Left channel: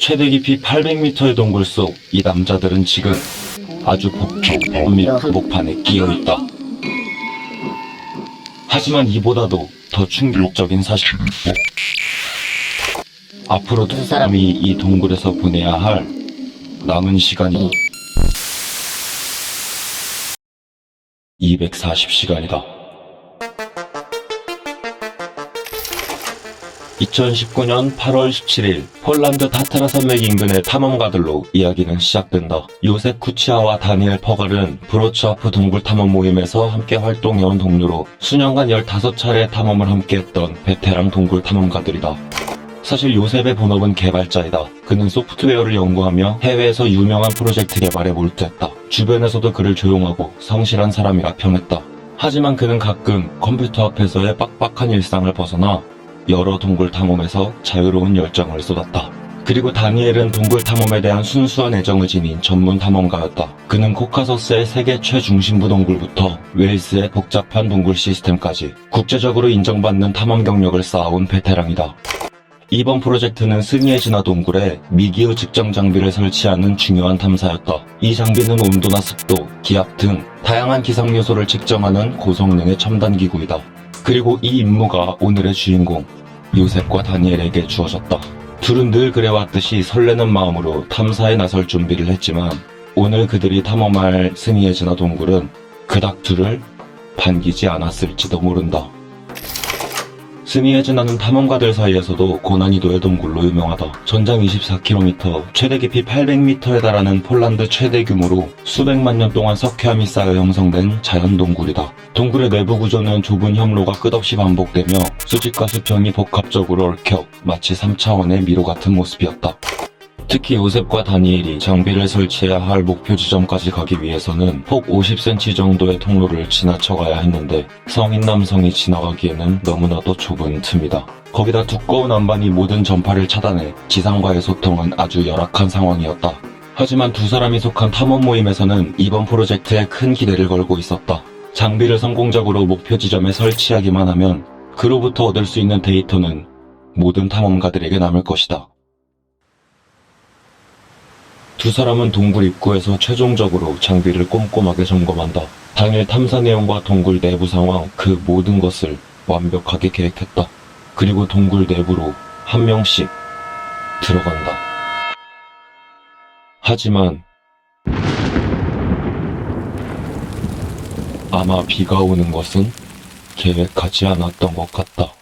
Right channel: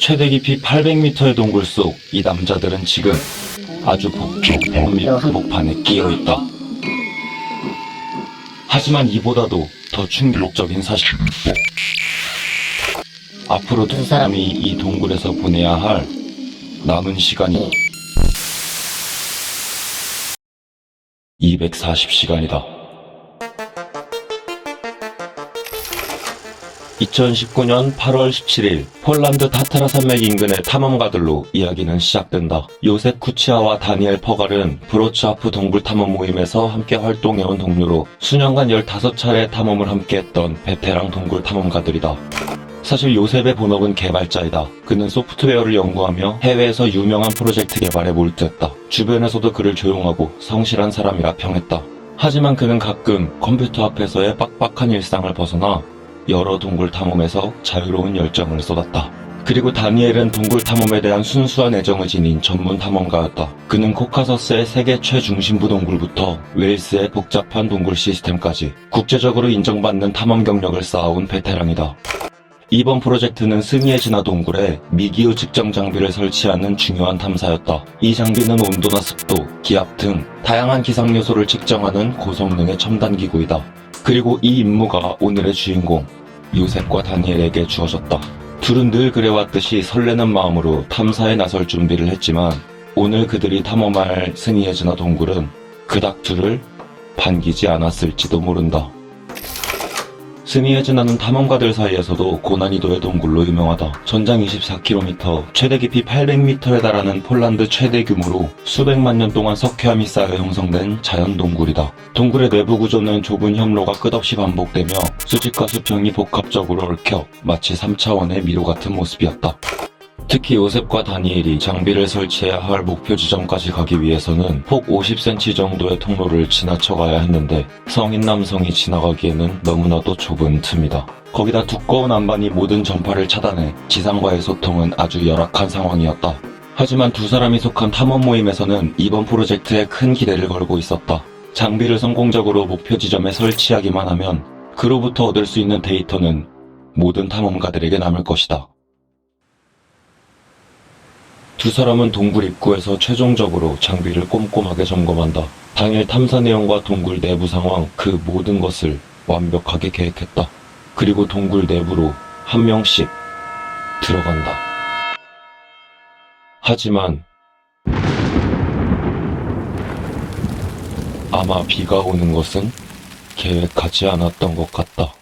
최대 깊이 800m의 동굴 속 이 남자들은 지금 아주 복잡한 한복판에 끼어있다. 하지만 이보다도 더 충격적인 사실, 앞으로 두 사람이 이 동굴에서 보내야 할 남은 시간이 240시간이다. 2019년 8월 17일 폴란드 타트라 산맥 인근의 탐험가들로 이야기는 시작된다. 요셉 쿠치아와 다니엘 퍼갈은 브로츠하프 동굴 탐험 모임에서 함께 활동해온 동료로 수년간 15차례 탐험을 함께했던 베테랑 동굴 탐험가들이다. 사실 요셉의 본업은 개발자이다. 그는 소프트웨어를 연구하며 해외에서 유명한 프로젝트 개발에 몰두했다. 주변에서도 그를 조용하고 성실한 사람이라 평했다. 하지만 그는 가끔 컴퓨터 앞에서의 빡빡한 일상을 벗어나 여러 동굴 탐험에서 자유로운 열정을 쏟았다. 그리고 다니엘은 동굴 탐험에 대한 순수한 애정을 지닌 전문 탐험가였다. 그는 코카서스의 세계 최중심부 동굴부터 웨일스의 복잡한 동굴 시스템까지 국제적으로 인정받는 탐험 경력을 쌓아온 베테랑이다. 이번 프로젝트는 스니에 진화 동굴에 미기후 측정 장비를 설치하는 중요한 탐사였다. 이 장비는 온도나 습도, 기압 등 다양한 기상 요소를 측정하는 고성능의 첨단 기구이다. 그리고 이 임무가 오늘의 주인공 요셉과 다니엘에게 주어졌다. 둘은 늘 그래왔듯이 설레는 마음으로 탐사에 나설 준비를 했지만 오늘 그들이 탐험할 스니에 진화 동굴은 그닥 둘을 반기지 않았을지도 모른다. 스니에 진화는 탐험가들 사이에서도 고난이도의 동굴로 유명하다. 전장 24km, 최대 깊이 800m에 달하는 폴란드 최대 규모로 수백만 년 동안 석회암이 쌓여 형성된 자연 동굴이다. 동굴의 내부 구조는 좁은 협로가 끝없이 반복되며 수직과 수평이 복합적으로 얽혀 마치 3차원의 미로 같은 모습이었다. 특히 요셉과 다니엘이 장비를 설치해야 할 목표 지점까지 가기 위해서는 폭 50cm 정도의 통로를 지나쳐 가야 했는데 성인 남성이 지나가기에는 너무나도 좁은 틈이다. 거기다 두꺼운 안반이 모든 전파를 차단해 지상과의 소통은 아주 열악한 상황이었다. 하지만 두 사람이 속한 탐험 모임에서는 이번 프로젝트에 큰 기대를 걸고 있었다. 장비를 성공적으로 목표 지점에 설치하기만 하면 그로부터 얻을 수 있는 데이터는 모든 탐험가들에게 남을 것이다. 두 사람은 동굴 입구에서 최종적으로 장비를 꼼꼼하게 점검한다. 당일 탐사 내용과 동굴 내부 상황, 그 모든 것을 완벽하게 계획했다. 그리고 동굴 내부로 한 명씩 들어간다. 하지만 아마 비가 오는 것은 계획하지 않았던 것 같다.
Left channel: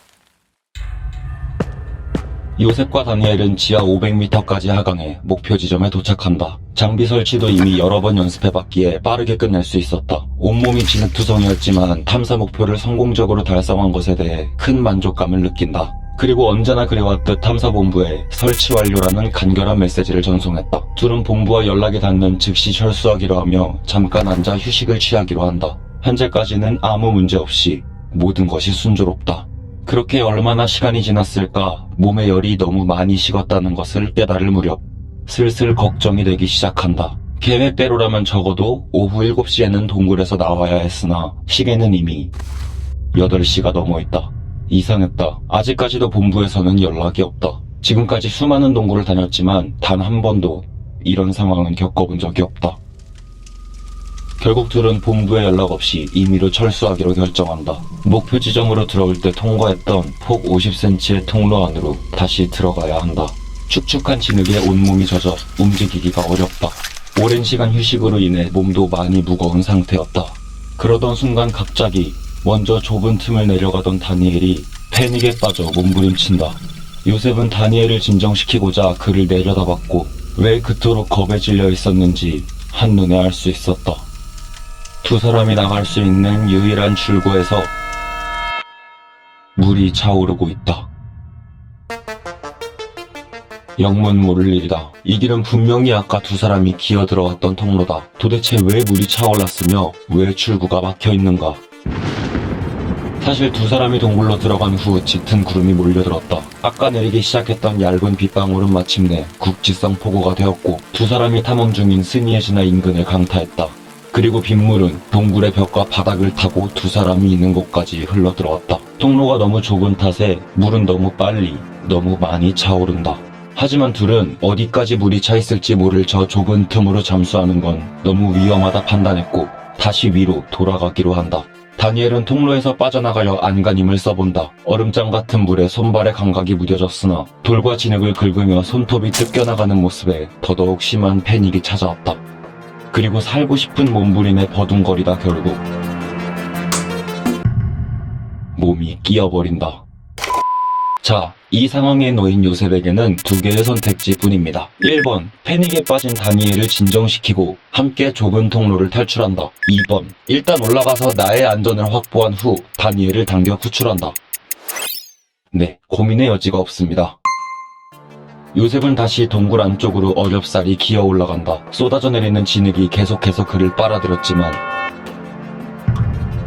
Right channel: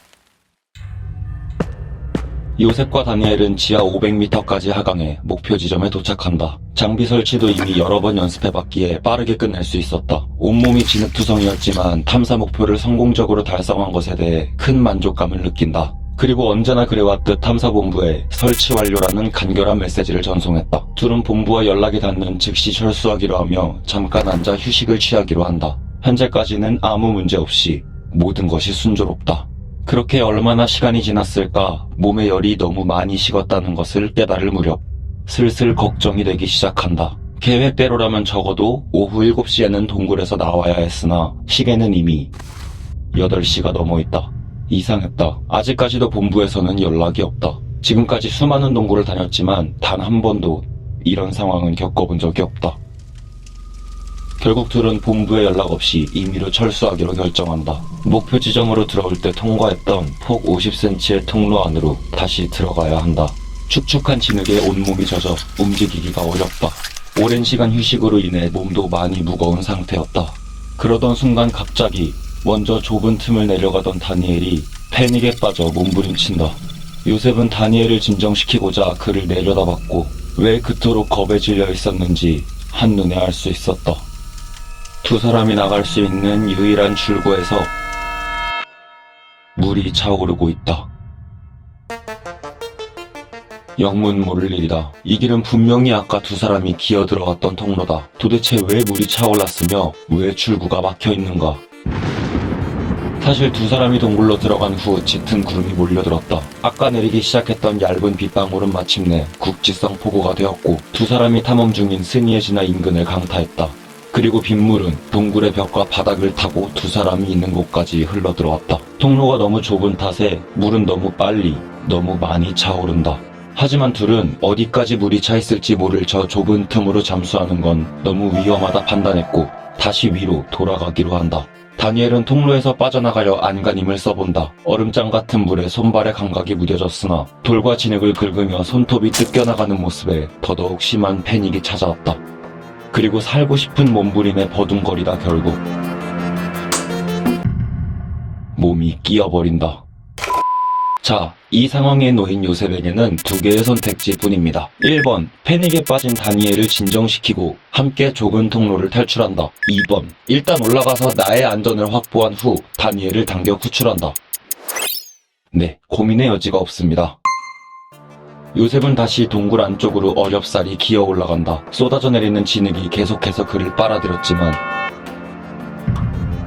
요셉과 다니엘은 지하 500m까지 하강해 목표 지점에 도착한다. 장비 설치도 이미 여러 번 연습해봤기에 빠르게 끝낼 수 있었다. 온몸이 진흙투성이었지만 탐사 목표를 성공적으로 달성한 것에 대해 큰 만족감을 느낀다. 그리고 언제나 그래왔듯 탐사본부에 설치 완료라는 간결한 메시지를 전송했다. 둘은 본부와 연락이 닿는 즉시 철수하기로 하며 잠깐 앉아 휴식을 취하기로 한다. 현재까지는 아무 문제 없이 모든 것이 순조롭다. 그렇게 얼마나 시간이 지났을까 몸의 열이 너무 많이 식었다는 것을 깨달을 무렵 슬슬 걱정이 되기 시작한다. 계획대로라면 적어도 오후 7시에는 동굴에서 나와야 했으나 시계는 이미 8시가 넘어 있다. 이상했다. 아직까지도 본부에서는 연락이 없다. 지금까지 수많은 동굴을 다녔지만 단 한 번도 이런 상황은 겪어본 적이 없다. 결국 둘은 본부에 연락 없이 임의로 철수하기로 결정한다. 목표 지점으로 들어올 때 통과했던 폭 50cm의 통로 안으로 다시 들어가야 한다. 축축한 진흙에 온몸이 젖어 움직이기가 어렵다. 오랜 시간 휴식으로 인해 몸도 많이 무거운 상태였다. 그러던 순간 갑자기 먼저 좁은 틈을 내려가던 다니엘이 패닉에 빠져 몸부림친다. 요셉은 다니엘을 진정시키고자 그를 내려다봤고 왜 그토록 겁에 질려 있었는지 한눈에 알 수 있었다. 두 사람이 나갈 수 있는 유일한 출구에서 물이 차오르고 있다. 영문 모를 일이다. 이 길은 분명히 아까 두 사람이 기어 들어갔던 통로다. 도대체 왜 물이 차올랐으며 왜 출구가 막혀 있는가? 사실 두 사람이 동굴로 들어간 후 짙은 구름이 몰려들었다. 아까 내리기 시작했던 얇은 빗방울은 마침내 국지성 폭우가 되었고 두 사람이 탐험 중인 스니에 진화 인근을 강타했다. 그리고 빗물은 동굴의 벽과 바닥을 타고 두 사람이 있는 곳까지 흘러들어왔다. 통로가 너무 좁은 탓에 물은 너무 빨리, 너무 많이 차오른다. 하지만 둘은 어디까지 물이 차 있을지 모를 저 좁은 틈으로 잠수하는 건 너무 위험하다 판단했고 다시 위로 돌아가기로 한다. 다니엘은 통로에서 빠져나가려 안간힘을 써본다. 얼음장 같은 물에 손발의 감각이 무뎌졌으나 돌과 진흙을 긁으며 손톱이 뜯겨나가는 모습에 더더욱 심한 패닉이 찾아왔다. 그리고 살고 싶은 몸부림에 버둥거리다 결국 몸이 끼어버린다. 자, 이 상황에 놓인 요셉에게는 두 개의 선택지뿐입니다. 1번, 패닉에 빠진 다니엘을 진정시키고 함께 좁은 통로를 탈출한다. 2번, 일단 올라가서 나의 안전을 확보한 후 다니엘을 당겨 구출한다. 네, 고민의 여지가 없습니다. 요셉은 다시 동굴 안쪽으로 어렵사리 기어 올라간다. 쏟아져 내리는 진흙이 계속해서 그를 빨아들였지만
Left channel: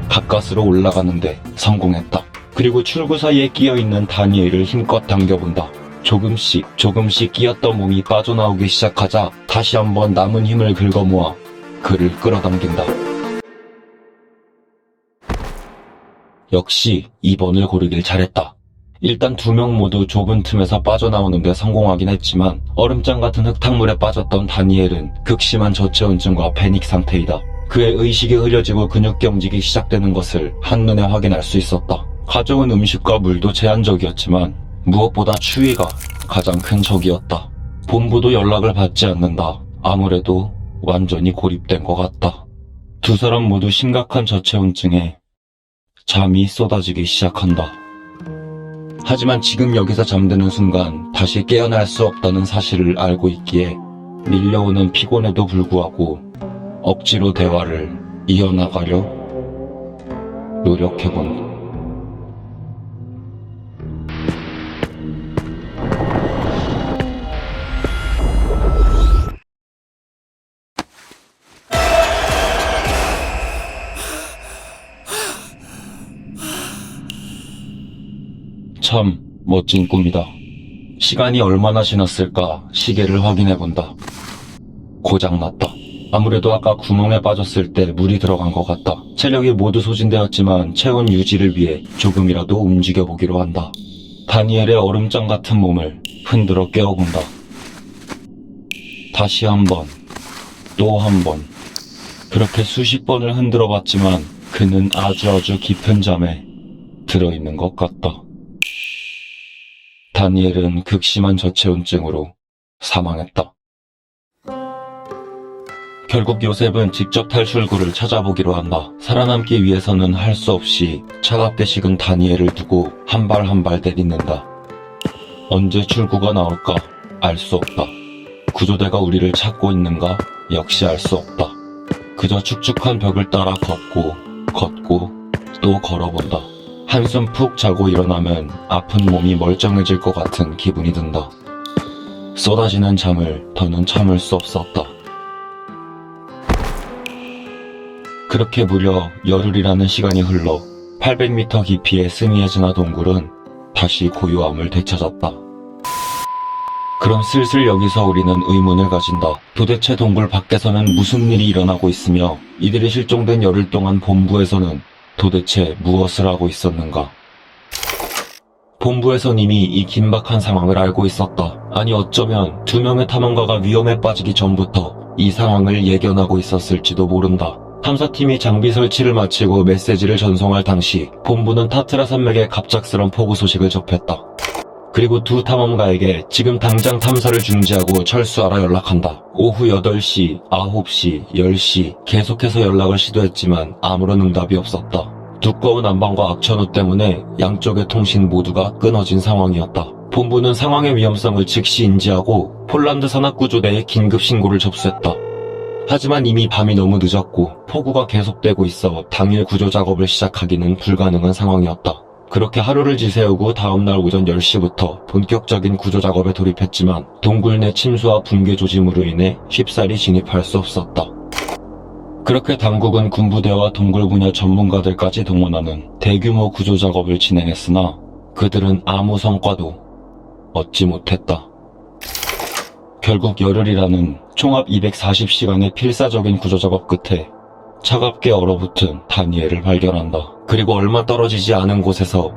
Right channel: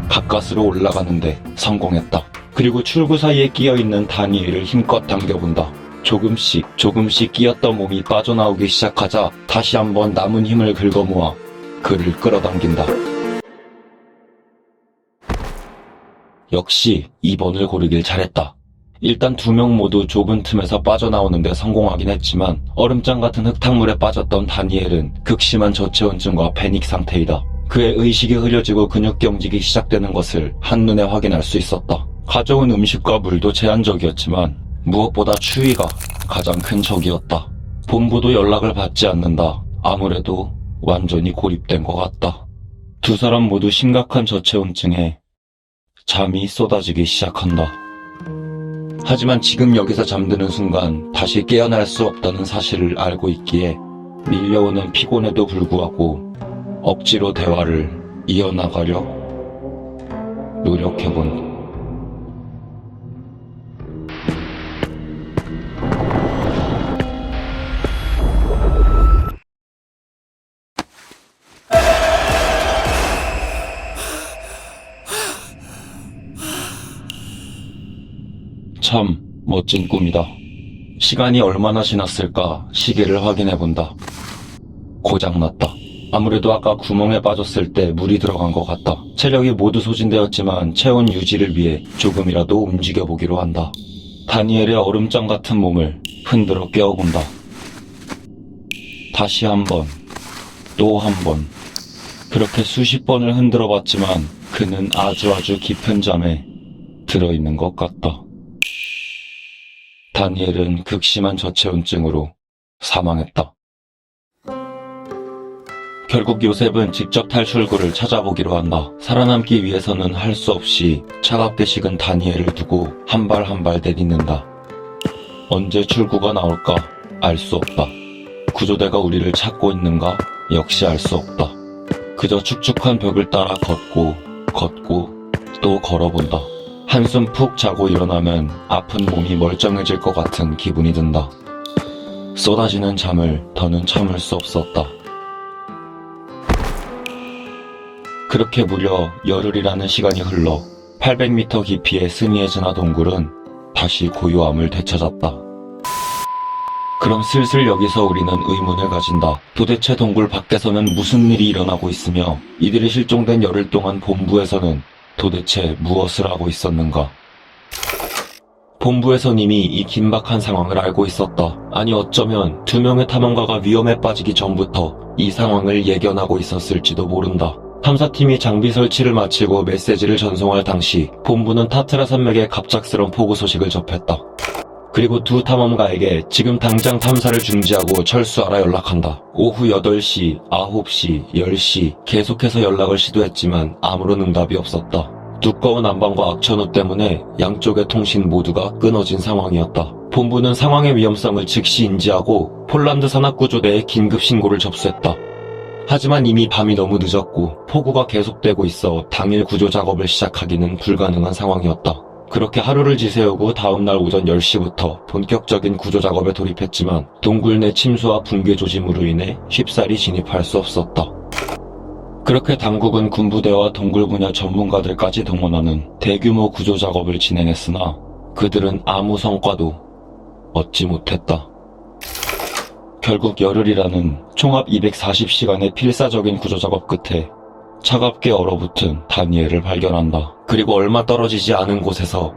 가까스로 올라가는데 성공했다. 그리고 출구 사이에 끼어있는 다니엘을 힘껏 당겨본다. 조금씩 끼었던 몸이 빠져나오기 시작하자 다시 한번 남은 힘을 긁어모아 그를 끌어당긴다. 역시 2번을 고르길 잘했다. 일단 두 명 모두 좁은 틈에서 빠져나오는데 성공하긴 했지만 얼음장 같은 흙탕물에 빠졌던 다니엘은 극심한 저체온증과 패닉 상태이다. 그의 의식이 흐려지고 근육 경직이 시작되는 것을 한눈에 확인할 수 있었다. 가져온 음식과 물도 제한적이었지만 무엇보다 추위가 가장 큰 적이었다. 본부도 연락을 받지 않는다. 아무래도 완전히 고립된 것 같다. 두 사람 모두 심각한 저체온증에 잠이 쏟아지기 시작한다. 하지만 지금 여기서 잠드는 순간 다시 깨어날 수 없다는 사실을 알고 있기에 밀려오는 피곤에도 불구하고 억지로 대화를 이어나가려 노력해본다. 참 멋진 꿈이다. 시간이 얼마나 지났을까 시계를 확인해본다. 고장났다. 아무래도 아까 구멍에 빠졌을 때 물이 들어간 것 같다. 체력이 모두 소진되었지만 체온 유지를 위해 조금이라도 움직여보기로 한다. 다니엘의 얼음장 같은 몸을 흔들어 깨워본다. 다시 한 번, 또 한 번. 그렇게 수십 번을 흔들어 봤지만 그는 아주 깊은 잠에 들어있는 것 같다. 다니엘은 극심한 저체온증으로 사망했다. 결국 요셉은 직접 탈출구를 찾아보기로 한다. 살아남기 위해서는 할 수 없이 차갑게 식은 다니엘을 두고 한 발 한 발 내딛는다. 언제 출구가 나올까 알 수 없다. 구조대가 우리를 찾고 있는가 역시 알 수 없다. 그저 축축한 벽을 따라 걷고 또 걸어본다. 한숨 푹 자고 일어나면 아픈 몸이 멀쩡해질 것 같은 기분이 든다. 쏟아지는 잠을 더는 참을 수 없었다. 그렇게 무려 열흘이라는 시간이 흘러 800m 깊이의 스니에즈나 동굴은 다시 고요함을 되찾았다. 그럼 슬슬 여기서 우리는 의문을 가진다. 도대체 동굴 밖에서는 무슨 일이 일어나고 있으며 이들이 실종된 열흘 동안 본부에서는 도대체 무엇을 하고 있었는가? 본부에선 이미 이 긴박한 상황을 알고 있었다. 아니 어쩌면 두 명의 탐험가가 위험에 빠지기 전부터 이 상황을 예견하고 있었을지도 모른다. 탐사팀이 장비 설치를 마치고 메시지를 전송할 당시 본부는 타트라 산맥의 갑작스런 폭우 소식을 접했다. 그리고 두 탐험가에게 지금 당장 탐사를 중지하고 철수하라 연락한다. 오후 8시, 9시, 10시 계속해서 연락을 시도했지만 아무런 응답이 없었다. 두꺼운 안방과 악천후 때문에 양쪽의 통신 모두가 끊어진 상황이었다. 본부는 상황의 위험성을 즉시 인지하고 폴란드 산악구조대에 긴급 신고를 접수했다. 하지만 이미 밤이 너무 늦었고 폭우가 계속되고 있어 당일 구조 작업을 시작하기는 불가능한 상황이었다. 그렇게 하루를 지새우고 다음날 오전 10시부터 본격적인 구조 작업에 돌입했지만 동굴 내 침수와 붕괴 조짐으로 인해 쉽사리 진입할 수 없었다. 그렇게 당국은 군부대와 동굴 분야 전문가들까지 동원하는 대규모 구조 작업을 진행했으나 그들은 아무 성과도 얻지 못했다. 결국 열흘이라는 총합 240시간의 필사적인 구조 작업 끝에 차갑게 얼어붙은 다니엘을 발견한다. 그리고 얼마 떨어지지 않은 곳에서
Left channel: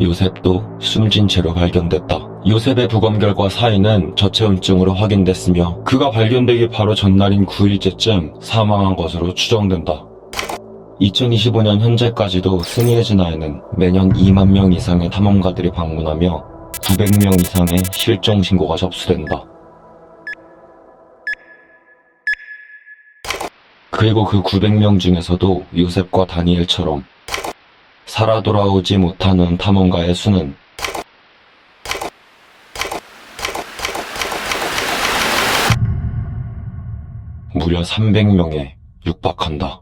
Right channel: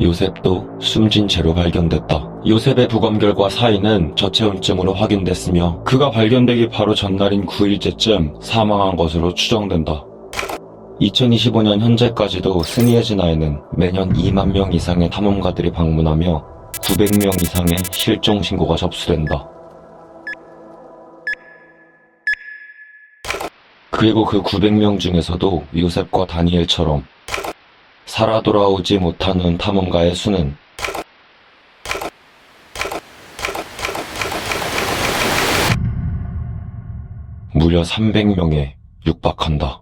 요셉도 숨진 채로 발견됐다. 요셉의 부검 결과 사인은 저체온증으로 확인됐으며 그가 발견되기 바로 전날인 9일째쯤 사망한 것으로 추정된다. 2025년 현재까지도 스니에즈나에는 매년 2만 명 이상의 탐험가들이 방문하며 900명 이상의 실종 신고가 접수된다. 그리고 그 900명 중에서도 요셉과 다니엘처럼 살아 돌아오지 못하는 탐험가의 수는 무려 300명에 육박한다.